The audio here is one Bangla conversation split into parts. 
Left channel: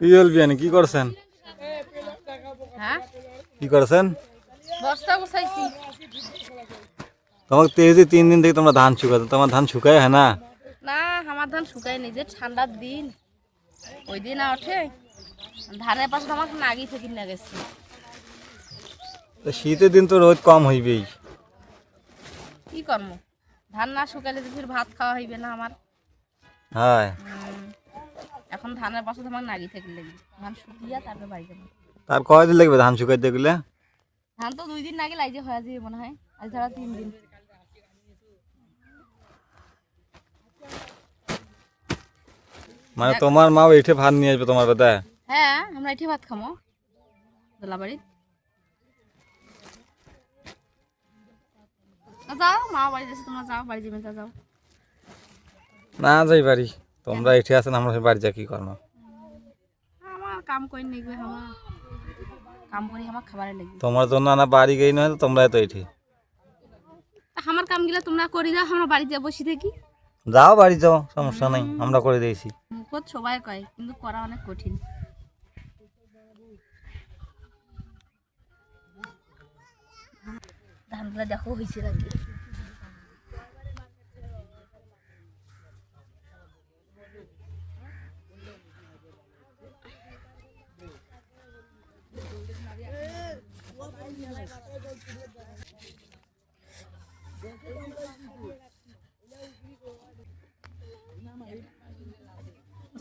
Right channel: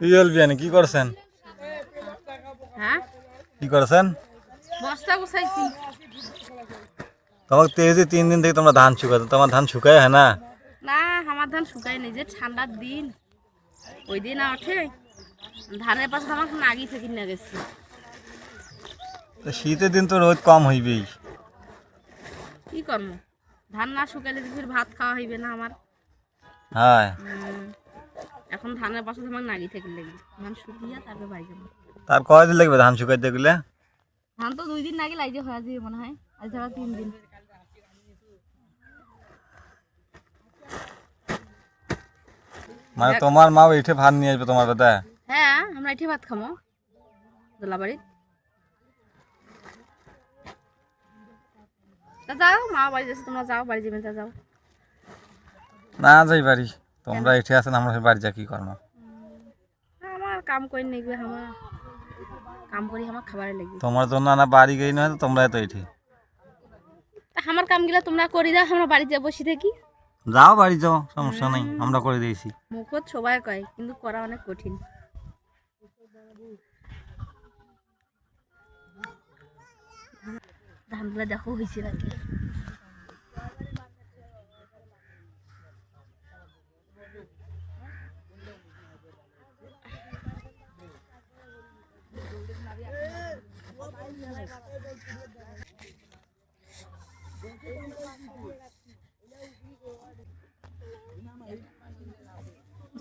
কি করছেন? হ্যাঁ, কি করছেন? বস্তা গুছাইছি। তোমার তো এই যে 3 দিন থেকে তোমরা ধান শুকাতো, তোমার ধান শুকায় হয় না? না, আমার ধান শুকায় নি, যে ঠান্ডার দিন ওই দিন ওঠে ধানের পাশে আমার নাগি থেকে নিয়ে গেছি। তো শীতের দিন তো রোদ কম হইবেই। কি করবো, ধান না শুকাইলে তো ফির ভাত খাওয়া হইবে না আমার। হ্যাঁ, এখন ধানের পাশে আমার নাগি থেকে লেগে ধান শুকিয়ে তারপরে বাড়ি যাবো। তার কয়দিন লাগবে ধান শুকাইতে গেলে? ধান তো 2 দিন নাকি লাগে হয়ে যাবে মনে হয়, আজ ছাড়া 3 দিন। মানে তোমার মা এঠে ভাত নিয়ে আসবে তোমার কথা? হ্যাঁ, আমরা এটি ভাত খামো দোলাবাড়ি। তা যাও, মা বাড়ি যাচ্ছে, তোমরা যাও, বাড়ি যাবে তা যাও। না যাই বাড়ি, তোমরা এঠে আছেন, আমরা বাড়ি যা কি করবো? আমার কাম করে নেবে, আমার কাম করি, আমার খাবারে লাগবে। তোমার জন্য না বাড়ি গই নয়, তোমরা তো এঠে আমার কামগুলা তোমরা করি দাও, আমরা বাড়িতে বসে থাকি। যাও, বাড়ি যাও, সমস্যা নাই, আমরা করে দিয়েছি। মুখত সবাই কয়, কিন্তু করা অনেক কঠিন। ধানগুলা দেখো হয়েছে নাকি।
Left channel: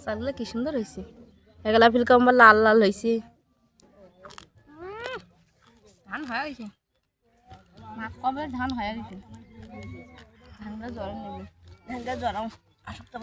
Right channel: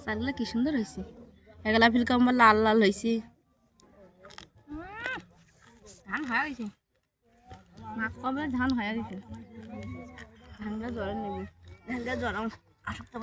শাকগুলা কি সুন্দর হয়েছে, এগুলা ফিলকা আমার লাল লাল হয়েছে। ধান হয়ে গেছে, মাছ কমলে ধান হয়ে গেছে। ধানটা জ্বরে নেবে, ধানটা জ্বরাও আসক্ত